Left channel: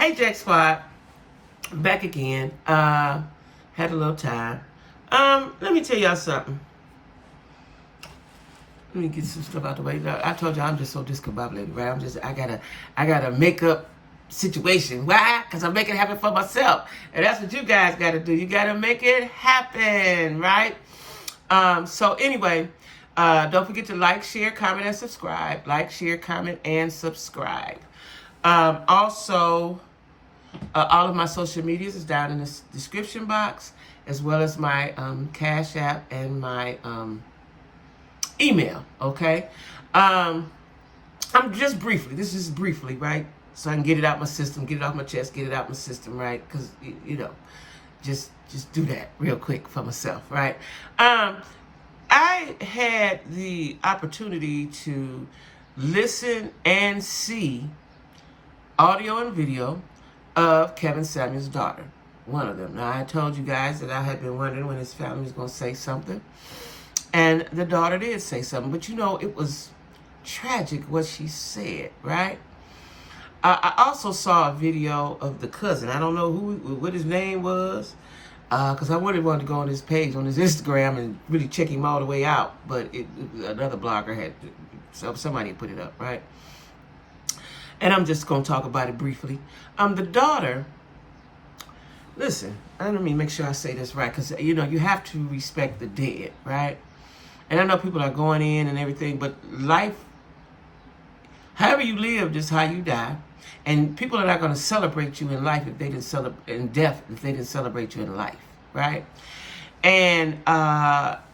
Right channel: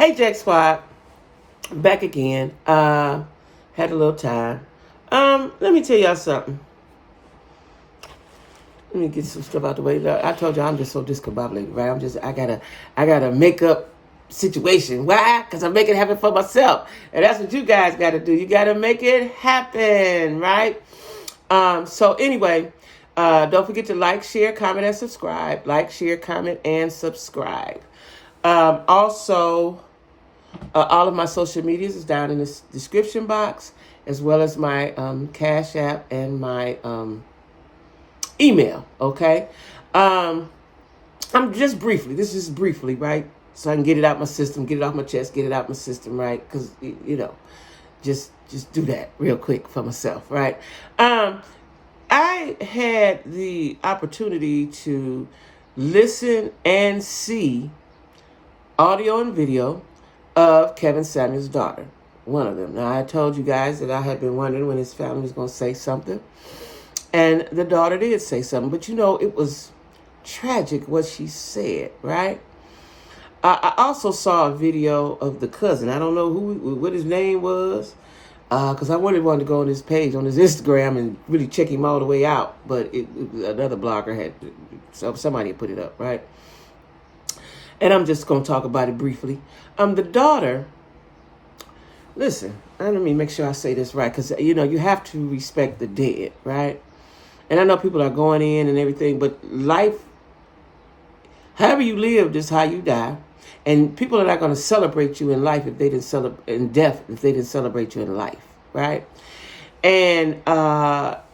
Hey, Jack Squad. Back again. Had a little time. Let me tell y'all something. Let me get some stuff out the way. I told you I'm just so discombobulated, right? I got a makeup situation. Why? Because I'm making it happen for myself. And that's what you guys got to do. You got to make it happen, right? So anyway, don't forget to like, share, comment, and subscribe. Like, share, comment, and subscribe. Also, all of my social medias is down in the description box, as well as my Cash App and my email, okay? I'm just briefly, this is briefly, right? So I can get it out my system, get it off my chest, get it out my system, right? Because, you know, just do that real quick for myself, right? I had the opportunity to listen and see audio and video of Kevin Samuel's daughter, one of them. Now, I told you guys that I had been wondering when his family was going to say something. And the daughter did say something. But, you know, it was tragic what she said, right? I also saw a video of the cousin. I don't know what his name was, because I wanted to go on his page, on his Instagram, and really check him all the way out. But another blogger had, so somebody had put it up, right? And I'm just going to talk about it briefly. The daughter, listen, let me make sure I say this right, because, you know, you have to respect the dead, right? And I know people are going in and everything, but life, however you live, is how you die. And people are not going to celebrate you in life if they didn't celebrate in death, if they didn't celebrate you in life, right? And,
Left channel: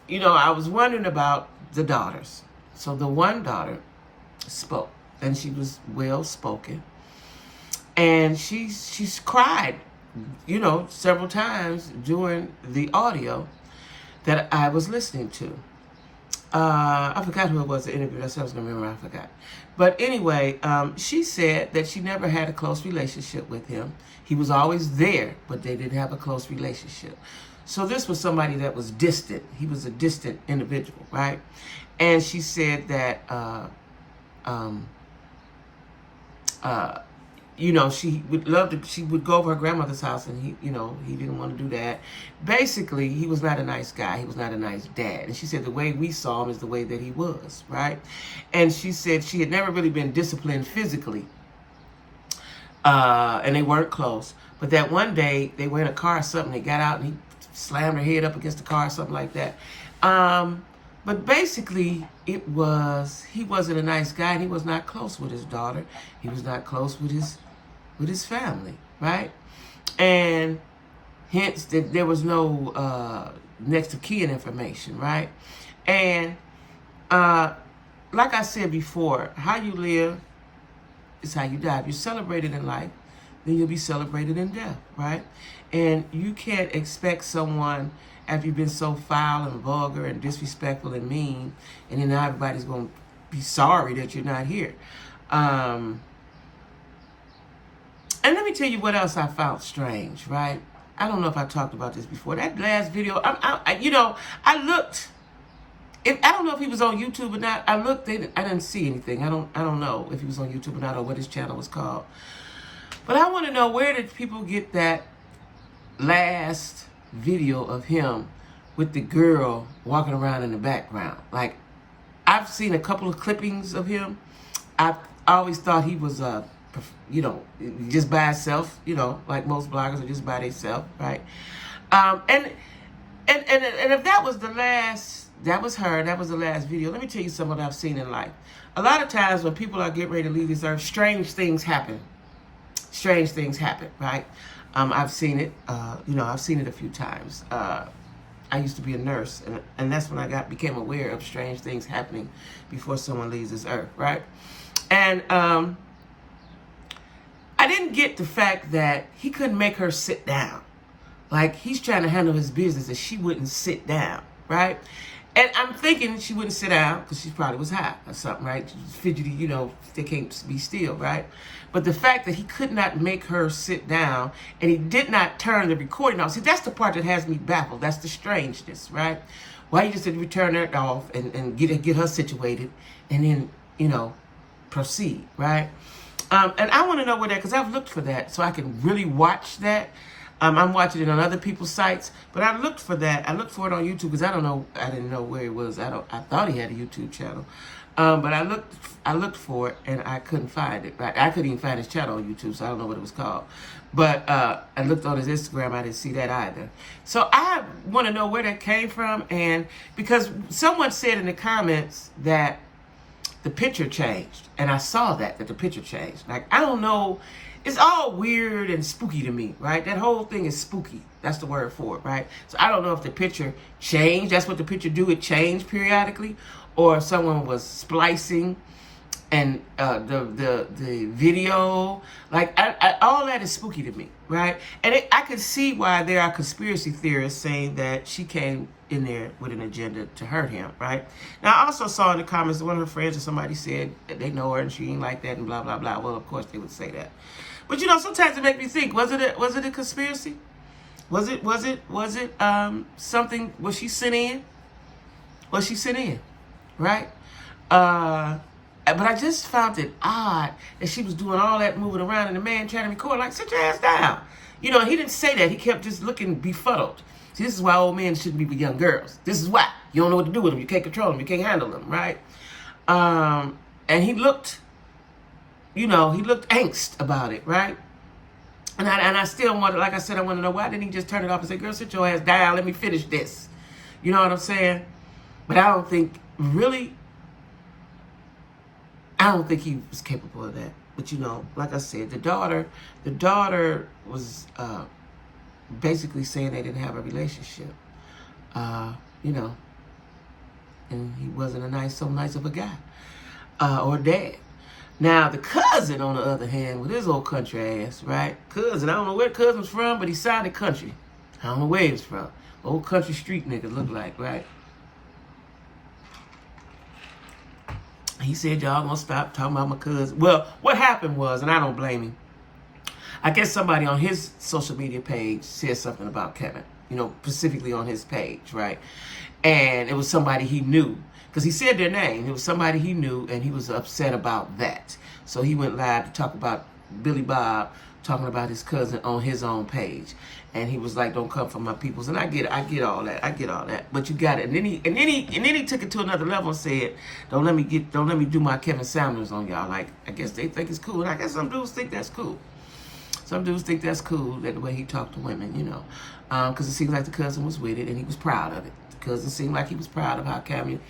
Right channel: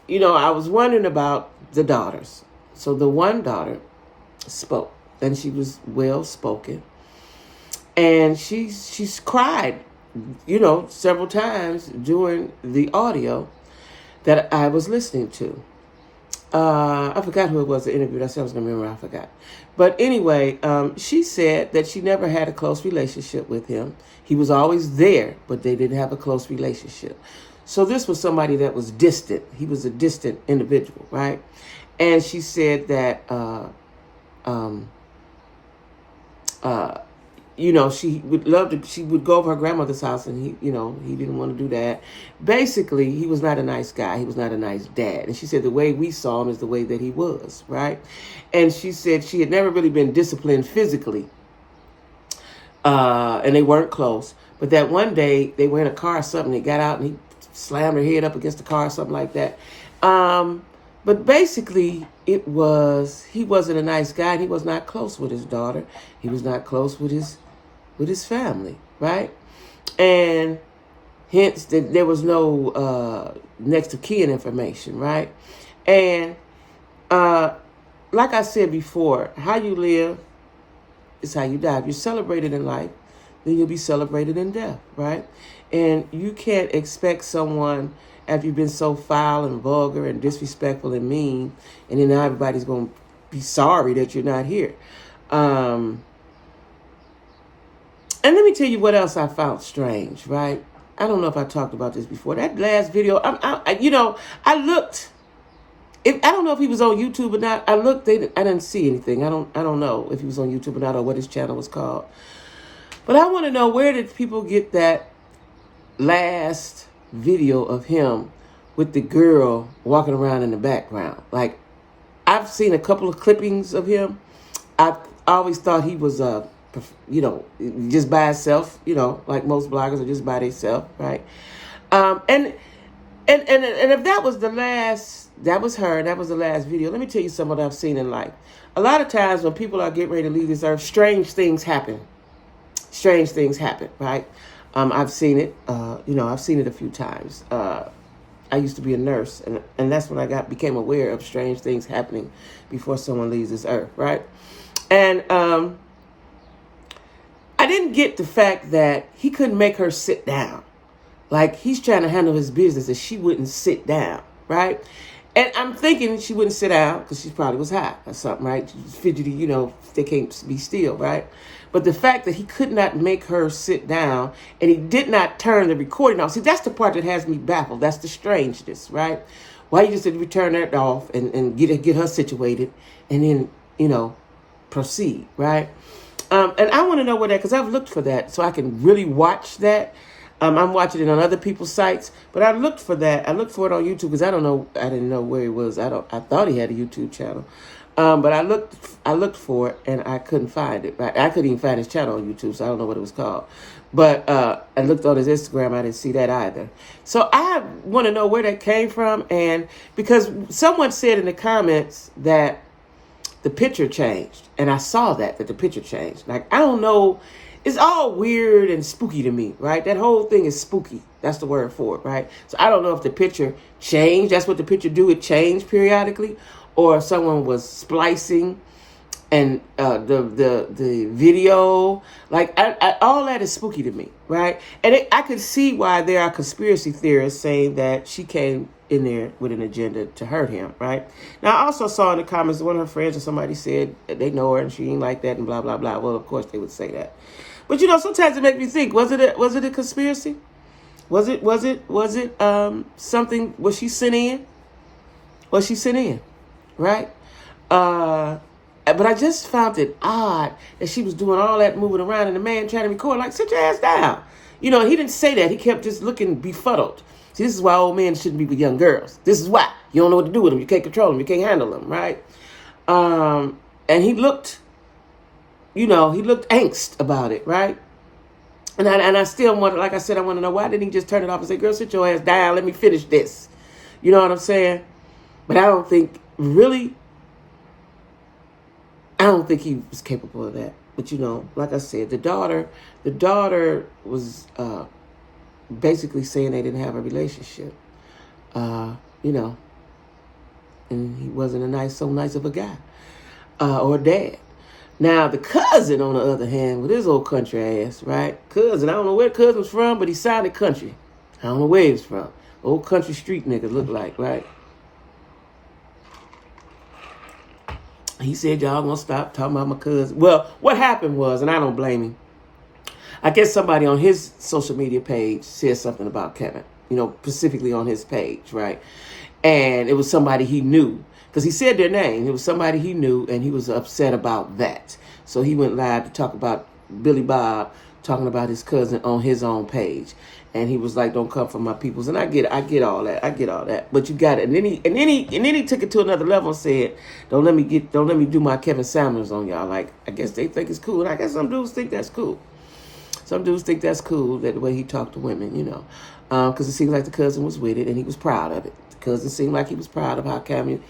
you know, I was wondering about the daughters. So the one daughter spoke, and she was well spoken. And she's cried, you know, several times during the audio that I was listening to. I forgot who it was that interviewed. I said I was going to remember. I forgot. But anyway, she said that she never had a close relationship with him. He was always there, but they didn't have a close relationship. So this was somebody that was distant. He was a distant individual, right? And she said that, you know, she would love to, she would go over her grandmother's house, and he, you know, he didn't want to do that. Basically, he was not a nice guy. He was not a nice dad. And she said the way we saw him is the way that he was, right? And she said she had never really been disciplined physically. And they weren't close. But that one day, they were in a car or something, they got out and he slammed her head up against the car or something like that. But basically, he wasn't a nice guy, and he was not close with his daughter. He was not close with his family, right? And hence, there was no next of kin information, right? And like I said before, how you live is how you die. If you're celebrated in life, then you'll be celebrated in death, right? And you can't expect someone, after you've been so foul and vulgar and disrespectful and mean, and then now everybody's going to be sorry that you're not here. And let me tell you what else I found strange, right? I don't know if I talked about this before. That last video, you know, I looked. I don't know if he was on YouTube or not. I looked. I didn't see anything. I don't know if he was on YouTube or not, or what his channel was called. But I want to know, where did people get that last video of him with the girl walking around in the background? Like, I've seen a couple of clippings of him. I've always thought he was you know, just by himself, you know, like most bloggers are just by themselves, right? And if that was the last, that was her, that was the last video, let me tell you something I've seen in life. A lot of times when people are getting ready to leave this earth, strange things happen. Strange things happen, right? I've seen it, you know, I've seen it a few times. I used to be a nurse, and that's when I became aware of strange things happening before someone leaves this earth, right? And I didn't get the fact that he couldn't make her sit down. Like, he's trying to handle his business and she wouldn't sit down, right? And I'm thinking she wouldn't sit down because she probably was high or something, right? She's fidgety, you know, they can't be still, right? But the fact that he could not make her sit down and he did not turn the recording off. See, that's the part that has me baffled. That's the strangeness, right? Why you just didn't turn that off and get her situated and then, you know, proceed, right? And I want to know where that, because I've looked for that so I can really watch that. I'm watching it on other people's sites, but I looked for that. I looked for it on YouTube because I didn't know where it was. I thought he had a YouTube channel. But I looked for it and I couldn't find it. Right? I couldn't even find his channel on YouTube, so I don't know what it was called. But I looked on his Instagram, I didn't see that either. So I want to know where that came from, and because someone said in the comments that the picture changed, and I saw that the picture changed. Like, I don't know, it's all weird and spooky to me, right? That whole thing is spooky. That's the word for it, right? So I don't know if the picture changed. That's what the picture do. It changed periodically, or if someone was splicing and the video, like all that is spooky to me, right? And I could see why there are conspiracy theorists saying that she came in there with an agenda to hurt him, right? Now, I also saw in the comments one of her friends or somebody said that they know her and she ain't like that and blah blah blah. Well, of course they would say that, but sometimes it makes me think: was it a conspiracy? Was it something? Was she sent in? Was she sent in? Right? But I just found it odd that she was doing all that moving around and the man trying to record, like, sit your ass down. He didn't say that. He kept just looking befuddled. See, this is why old men shouldn't be with young girls. This is why. You don't know what to do with them. You can't control them. You can't handle them, right? And he looked, he looked angst about it, right? And I still wonder, like I said, I want to know, why didn't he just turn it off and say, girl, sit your ass down. Let me finish this. You know what I'm saying? But I don't think he was capable of that. But like I said, the daughter was basically saying they didn't have a relationship. And he wasn't so nice of a guy or dad. Now the cousin, on the other hand, with his old country ass, right? Cousin, I don't know where cousin's from, but he sounded country. I don't know where he was from. Old country street niggas look like, right? He said, y'all gonna stop talking about my cousin. Well, what happened was, and I don't blame him, I guess somebody on his social media page said something about Kevin, specifically on his page, right? And it was somebody he knew, because he said their name. It was somebody he knew, and he was upset about that. So he went live to talk about Billy Bob talking about his cousin on his own page. And he was like, don't come for my peoples. And I get all that. But you got it. And then he took it to another level and said, don't let me do my Kevin Samuels on y'all. Like, I guess they think it's cool. And I guess some dudes think that's cool. Some dudes think that's cool, that the way he talked to women, because it seemed like the cousin was with it and he was proud of it. The cousin seemed like he was proud of how Kevin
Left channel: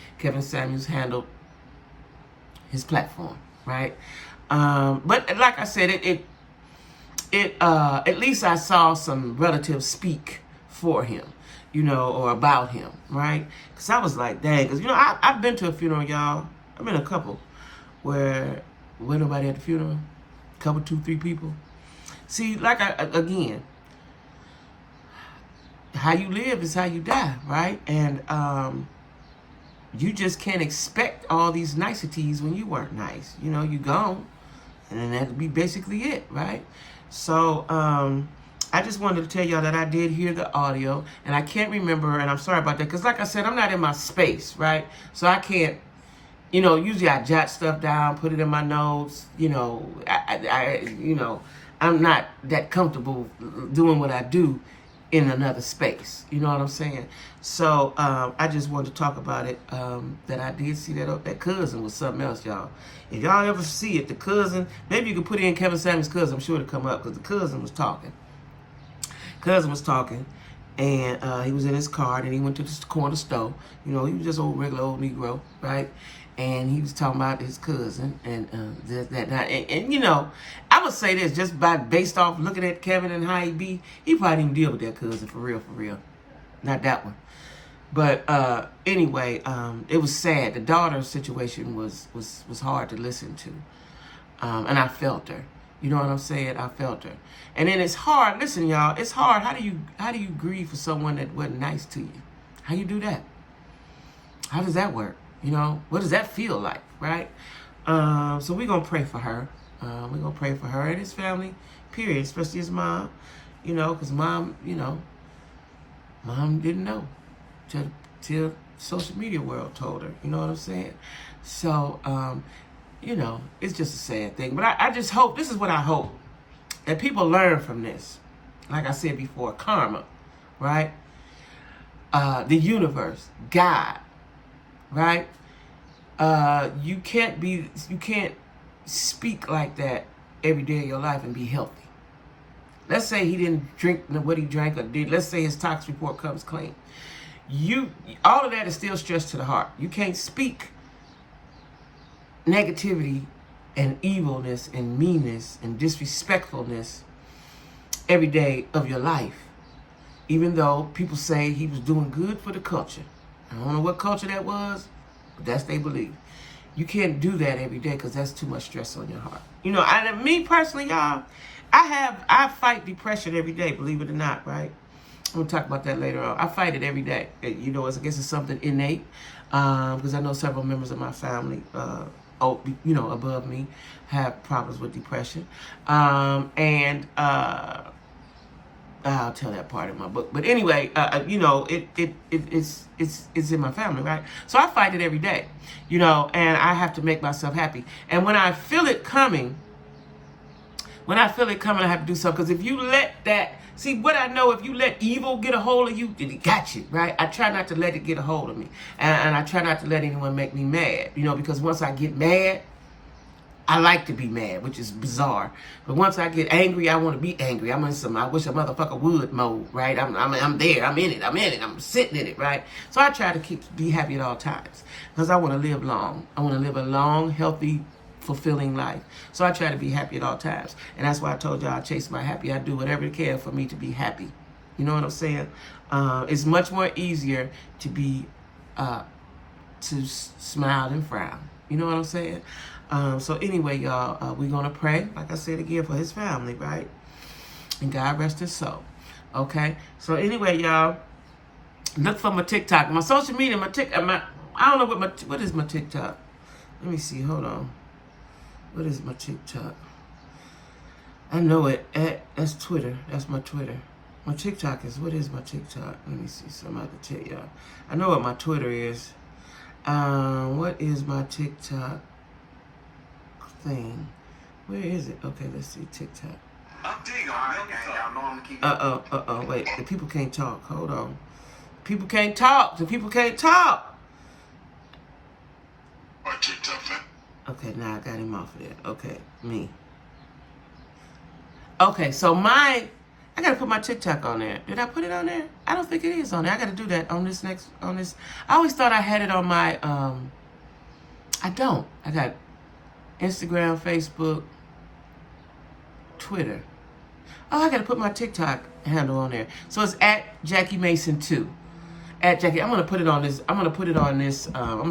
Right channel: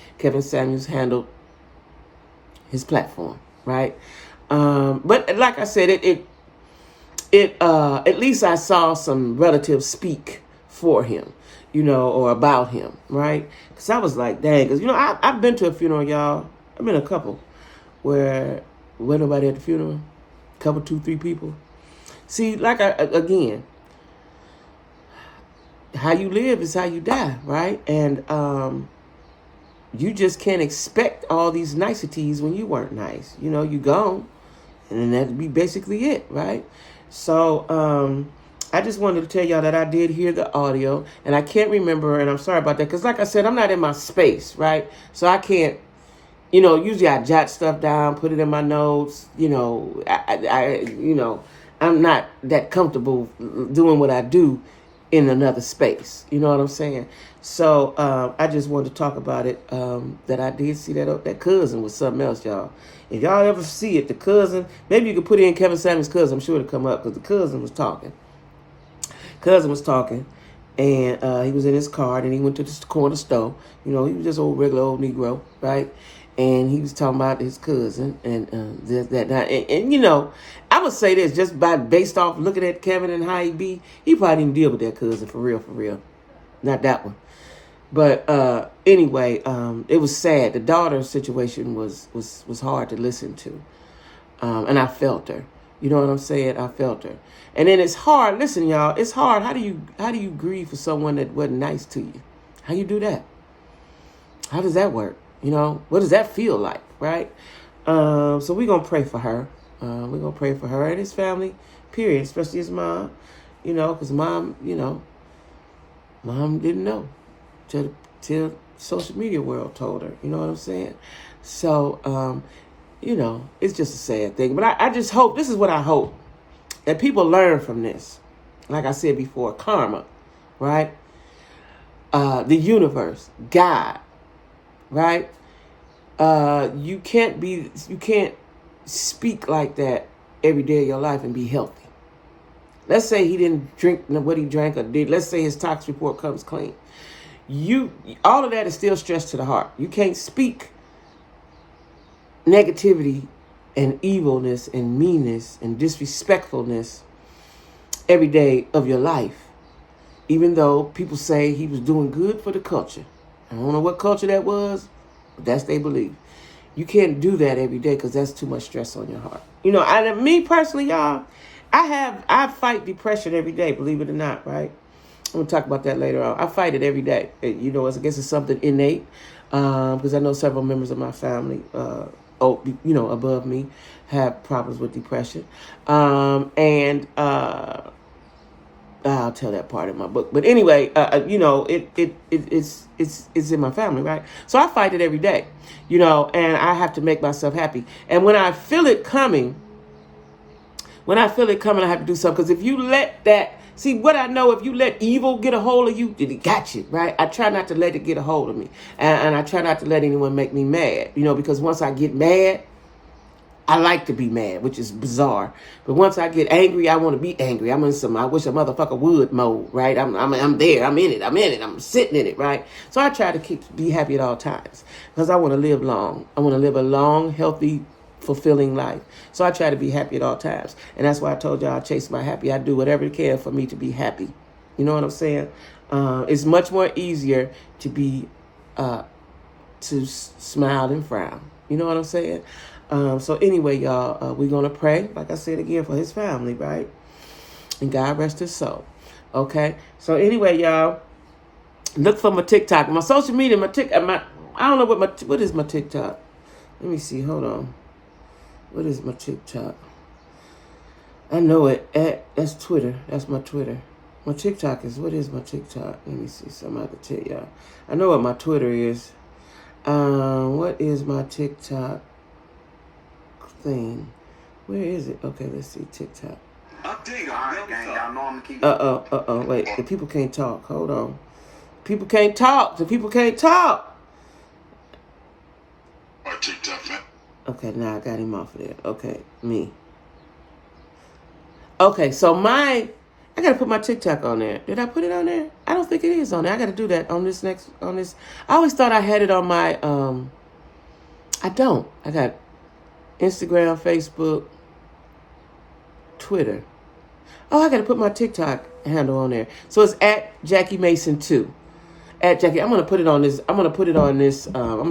Samuels handled his platform, right? But like I said, at least I saw some relatives speak for him, or about him, right? Because I was like, dang, because, I've been to a funeral, y'all. I've been to a couple where nobody at the funeral, a couple, 2, 3 people. See, again, how you live is how you die, right? And you just can't expect all these niceties when you weren't nice. You gone, and then that'd be basically it, right? So I just wanted to tell y'all that I did hear the audio, and I can't remember, and I'm sorry about that, because like I said, I'm not in my space, right? So I can't, usually I jot stuff down, put it in my notes, I'm not that comfortable doing what I do in another space. You know what I'm saying? So I just wanted to talk about it, that I did see that cousin was something else, y'all. If y'all ever see it, the cousin, maybe you could put in Kevin Samuels' cousin. I'm sure it'll come up, because the cousin was talking. And he was in his car, and he went to the corner store. He was just regular old Negro, right? And he was talking about his cousin and that. And I would say this, just based off looking at Kevin and how he probably didn't deal with that cousin for real. Not that one. But anyway, it was sad. The daughter's situation was hard to listen to. And I felt her. You know what I'm saying? I felt her. And then it's hard. Listen, y'all, it's hard. How do you grieve for someone that wasn't nice to you? How you do that? How does that work? What does that feel like, right? So we're going to pray for her. We're going to pray for her and his family, period, especially his mom, because mom didn't know till social media world told her, you know what I'm saying? So you know, it's just a sad thing. But I just hope, this is what I hope, that people learn from this. Like I said before, karma, right? The universe, God, right? You can't speak like that every day of your life and be healthy. Let's say he didn't drink what he drank or did. Let's say his tox report comes clean. All of that is still stress to the heart. You can't speak negativity and evilness and meanness and disrespectfulness every day of your life. Even though people say he was doing good for the culture. I don't know what culture that was, but that's their belief. You can't do that every day because that's too much stress on your heart. You know, me personally, y'all, I fight depression every day, believe it or not, right? I'm going to talk about that later on. I fight it every day. You know, I guess it's something innate because I know several members of my family, above me have problems with depression. I'll tell that part in my book. But anyway, it's in my family, right? So I fight it every day, you know, and I have to make myself happy. And when I feel it coming, I have to do something. Because if you let that, see what I know, if you let evil get a hold of you, it got you, right? I try not to let it get a hold of me. And I try not to let anyone make me mad, you know, because once I get mad, I like to be mad, which is bizarre. But once I get angry, I want to be angry. I'm in some I wish a motherfucker would mode, right? I'm there. I'm in it. I'm sitting in it, right? So I try to be happy at all times because I want to live long. I want to live a long, healthy, fulfilling life. So I try to be happy at all times. And that's why I told y'all I chase my happy. I do whatever it can for me to be happy. You know what I'm saying? It's much more easier to be, to smile than frown. You know what I'm saying? So anyway, y'all, we're going to pray, like I said again, for his family, right? And God rest his soul. Okay? So anyway, y'all, look for my TikTok. My social media, I don't know what is my TikTok? Let me see. Hold on. What is my TikTok? I know it. That's Twitter. That's my Twitter. My TikTok what is my TikTok? Let me see. Something I have to tell y'all. I know what my Twitter is. What is my TikTok thing? Where is it? Okay, let's see. TikTok. Wait, the people can't talk. Hold on. People can't talk. The people can't talk. My TikTok. Okay, now I got him off of there. Okay, me. Okay, so I gotta put my TikTok on there. Did I put it on there? I don't think it is on there. I gotta do that on this. I always thought I had it on my, I don't. I got Instagram, Facebook, Twitter. Oh, I gotta put my TikTok handle on there. So it's at Jacquie Mason 2. At Jacquie, I'm gonna put it on this. I'm gonna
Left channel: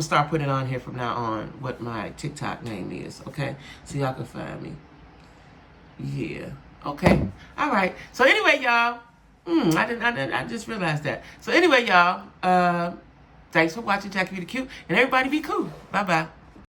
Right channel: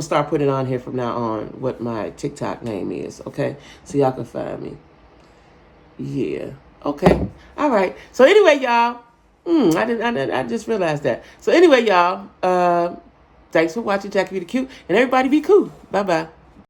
start putting it on here from now on. What my TikTok name is, okay? So y'all can find me. Yeah. Okay. All right. So anyway, y'all. I just realized that. So anyway, y'all. Thanks for watching Jacquie Be the Cute, and everybody be cool. Bye bye.